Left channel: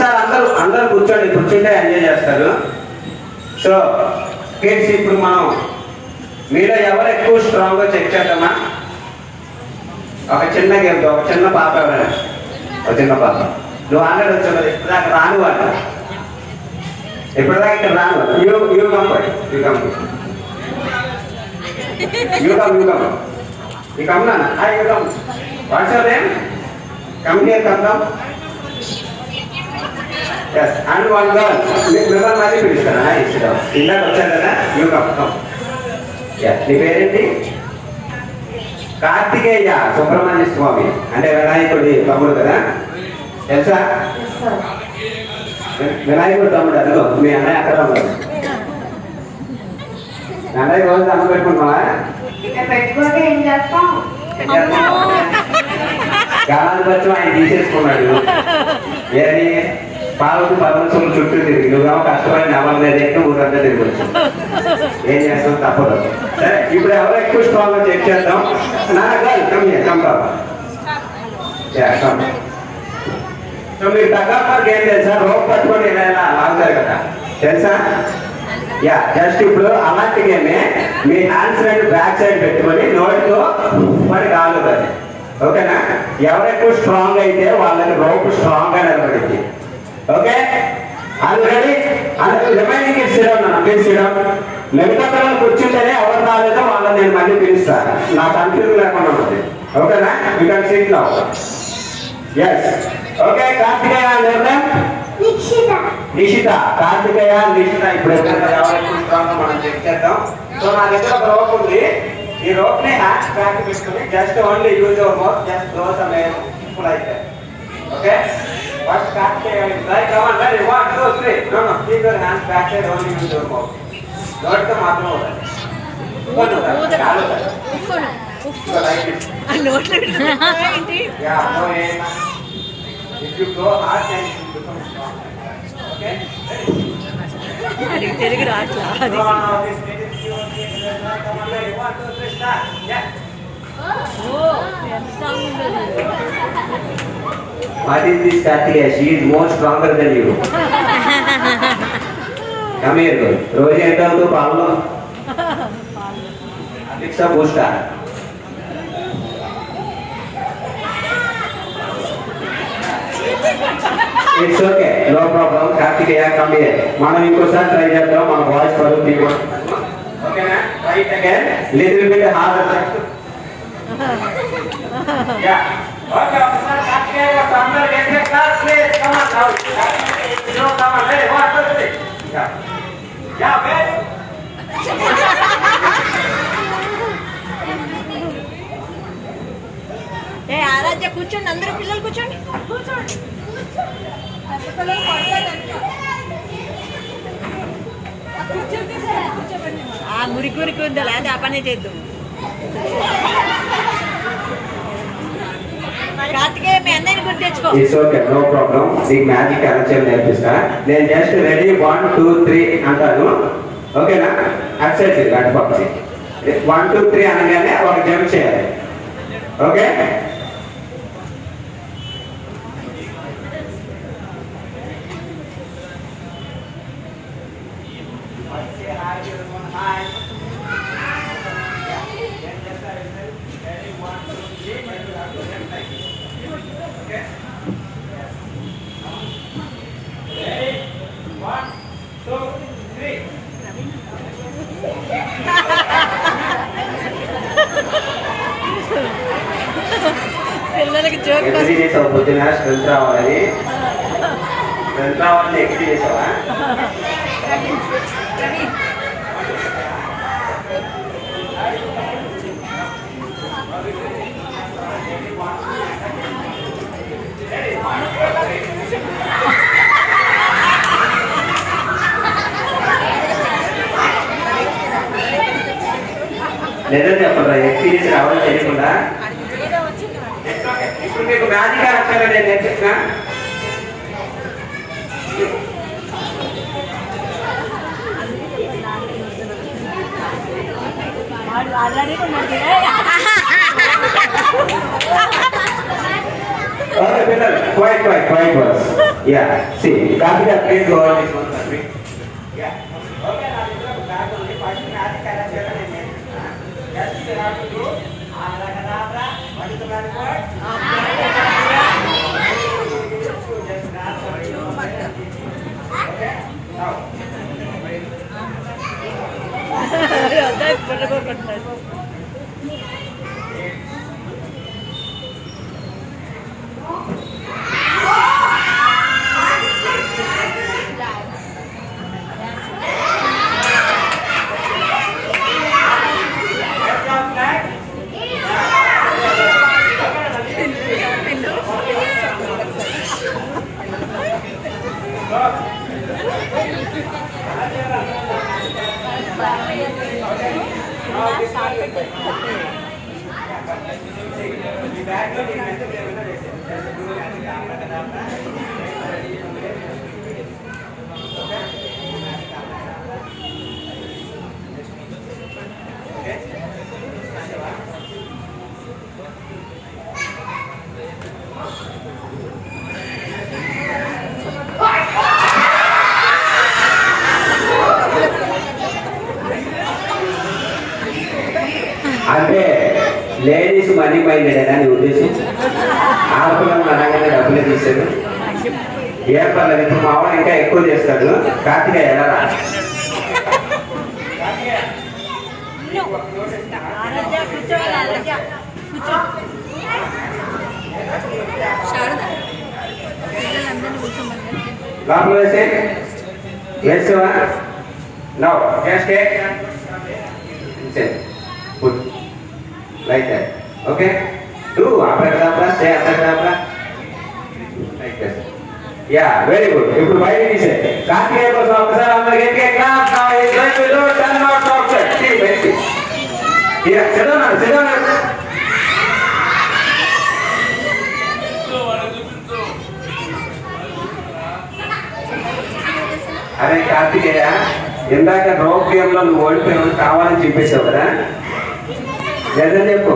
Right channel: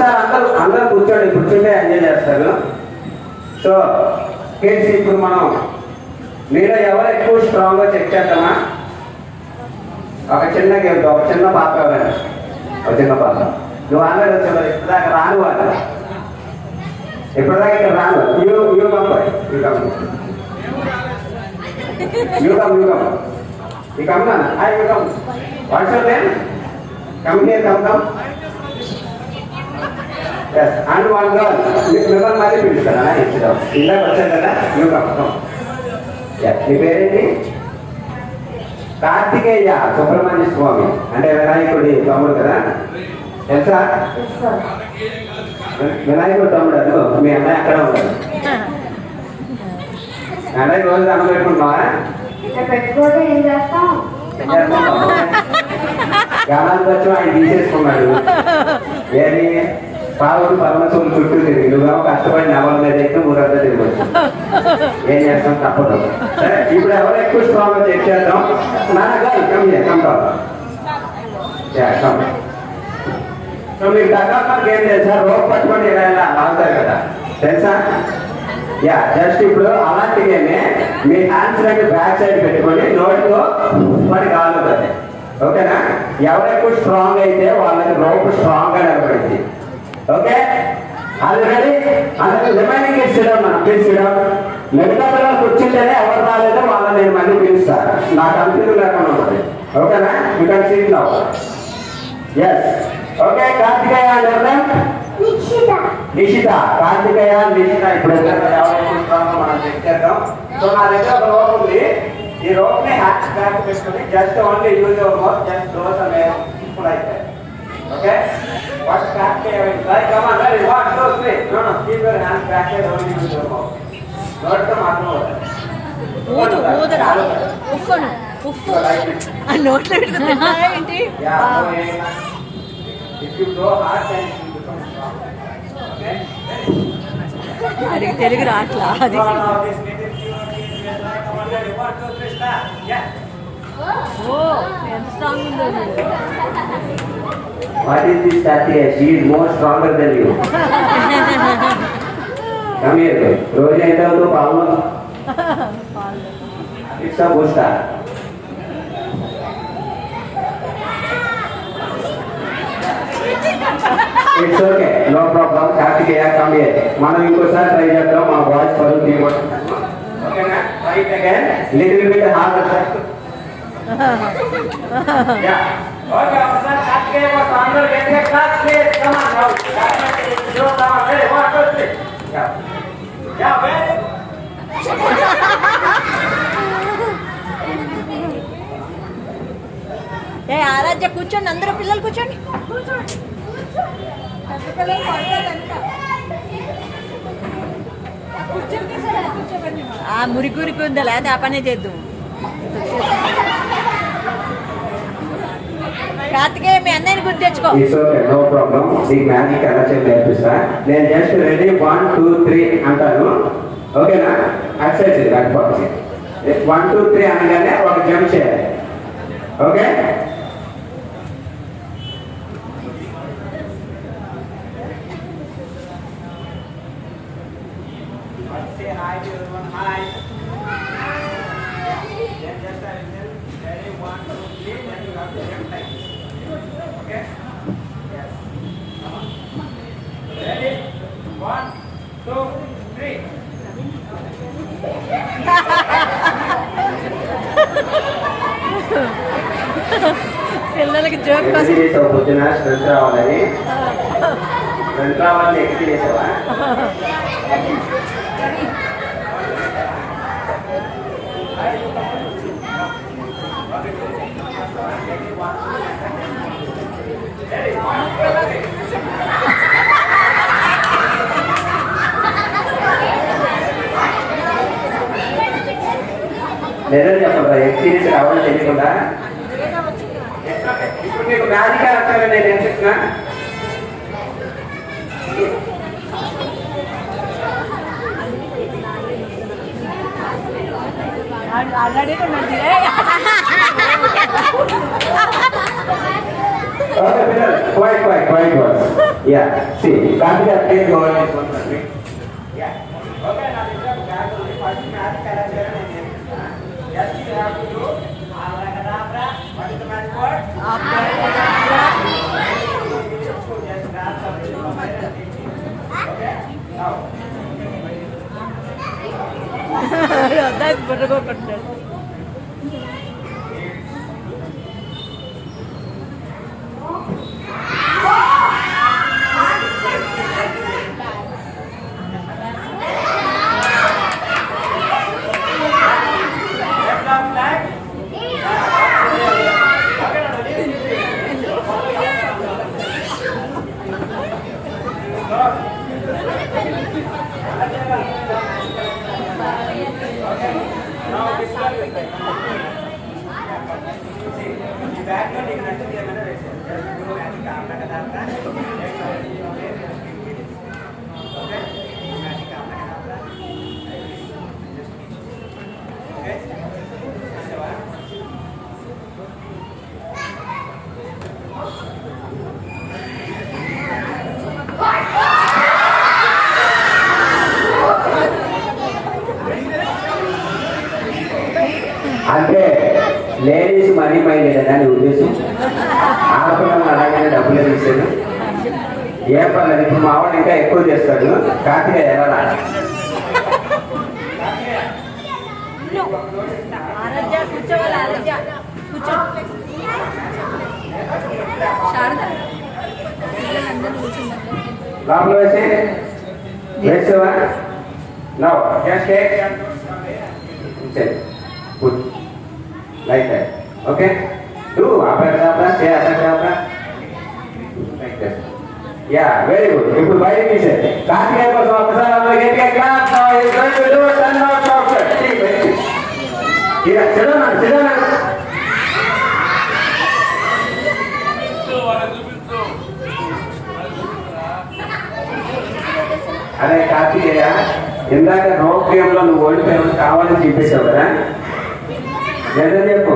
ఒకసారి అందరూ అందరూ కూర్చుంటే ఎంజాయ్ చేస్తారు. సో కిడ్స్ ఇప్పుడు మనం మీలో ఎవరు ఎక్కువ స్ట్రాంగ్గా చెక్ చేద్దామా? ఒక చిన్న గేమ్, ఒక చిన్న పాప ఎవరైనా, ఒక చిన్న పాప నువ్వు ఆల్రెడీ వచ్చావు కదా, ఇప్పటిదాకా రాను అంట, ఇప్పటిదాకా ఇక్కడ రాను. You come what's your name? Come here, come. Yes, and one girl. మిమ్మల్ని మళ్ళీ పిలుస్తారా? ఇందాక వచ్చారు కదా, యూ కమ్. నీ పేరేంటి? కార్తికేయ సుబ్రహ్మణ్య స్వామి అంటే వినాయకుడి తమ్ముడు కదా, తెలుసా? వినాయకుడు తమ్ముడు. అదిగో మీ అన్నయ్య అక్కడ ఉన్నాడు. మీ అన్నయ్య రోజు అన్నం పెట్టుకుంటున్నావా? గానాలు వచ్చి ఆయన తీసేసుకున్నాడు. ఏది పాలకు పరమశులు చుట్టూ తిరిగి నువ్వేమో కష్టపడి నెల మీద ఎక్కి ఊరంతా తిరగచ్చు. ఏం చేస్తాం, తప్పదు. సరే, ఇప్పుడు ఎవరు ఎక్కువ స్ట్రాంగ్ చెక్ చేద్దాం. సో మీరు దగ్గర ఏం తెలుసా? రోప్ పట్టుకొని ఇలా లాగుతారు కదా, తెలుసా? యా, జస్ట్ ఇప్పుడు అలాంటి గేమే మీ హ్యాండ్స్ రెండు బ్యాక్ సైడ్ పెట్టుకొని నోటితో పడి కావాలి. ఓకేనా? ఎవరు ఎక్కువ స్ట్రాంగ్ అయితే వాళ్ళకి రోప్ స్ట్రాంగ్ గా నిలబడింది. ఓకే, అది రెడీ. రిమైనింగ్ మిగతా పిల్లలు కూర్చుంటేనే ఎవరు రాలేదో వాళ్ళని నేను మళ్ళీ పిలుస్తాను. నాకు కన్ఫ్యూజన్ లేకుండా ఉంటుంది. ఓకేనా? You can sit now. Yes, okay. Karthikeya Nishitha, Karthikeya Nishitha. ఇప్పుడు మనం చెక్ చేద్దాం. సో నా దగ్గర ఒక రోప్ ఉంది. ఈ రోప్ ని హ్యాండ్స్ బ్యాక్ పెట్టుకుని just only use your mouth, just close the name like that. Okay, what Kartikeya is like? Come on, ready? 1, 2, 3. No, keep your hands back side, only use your mouth. Not the mouth. Yeah, no way. If you go hard, then you become strong. Okay? Telugu raatla. Come on, now this minute you come on, ready? 1, 2, 3, start. Yeah. Oh, strong. What is this Kartikeya? She is more stronger than you. Come here, girl. రోజు ఎంత అవుతుందో పావులో it's a booster. It's okay, no problem. Karthikeya come here. మనం ఇంకోసారి try చేద్దాం. మన voice పడుతుంది. ఓకేనా? Right again, little bit hard. Ya, okay. ఒకసారి కార్తికేయ ఒక అందరూ get class please. Come on now. Yo come on. Hey, 1 2 3. Ya ya very. ఏ ఆరాధ్య కూర్చోండి, అందరూ పిల్లలు కూర్చోండి. కూర్చోండి. మురికి ఉందా లేదా ఆ పనే చేద్దాం. కార్తికేయ మీ అన్నయ్యని గుర్తు తెచ్చుకో. It's okay, no problem. ఈ మ్యాజిక్ ఎలా చేయాలి నేర్పిస్తా. నేను జస్ట్ రెడీ 1 2 3 అంటాను. ఓకేనా? ఎక్సైజ్ అటు పక్కకి 1 2 3 అనగానే ఒక జంప్ చేయాలి. ఓకే? పిల్లలకి జోక్ చేసావు పొద్దున స్ట్రెంత్ రావాలి. స్ట్రెంత్ రావాలని ఎక్స్పీ చేసావా? నిజం చెప్పండి, ఎక్స్పీరియన్స్ రావాలని తెలియకుండా. ఇప్పుడు మీకు మ్యాజిక్ అర్థంగా నేను ఏం చెప్తున్నా? పిల్లలు quiet Yeah, see, Karthika, please go on this one for me. Yeah. Okay, now this is Karthika. First, math character name. Just you have to do abracadabra. What is the math word? Just grab something. Okay. Now. That's good to go contest. అంటే ladies money minded అని ఉద్దేశం. ఆడపిల్లలు అనగానే డబ్బులే తీసాడు. ఏం పర్లేదు, ఇప్పుడు మా వాడు ఇంకా ఎక్కువ చేస్తాడు. కార్తీక ఎలా రా? లోపల వేసేవా? No just put like that. Okay? Do abracadabra, say abracadabra. Like that. Yeah, very good. People, why did he say? Karthikeya kosam okasari andaru getiga clap. Now he is going to do 10 knots outside. See, very good. Yeah, sit down. అరే కార్తికేయ, ఇందాక rope game లో నువ్వు ఓడిపోయావు, కావాలని చూపించావు కదా, నిజం చెప్పు.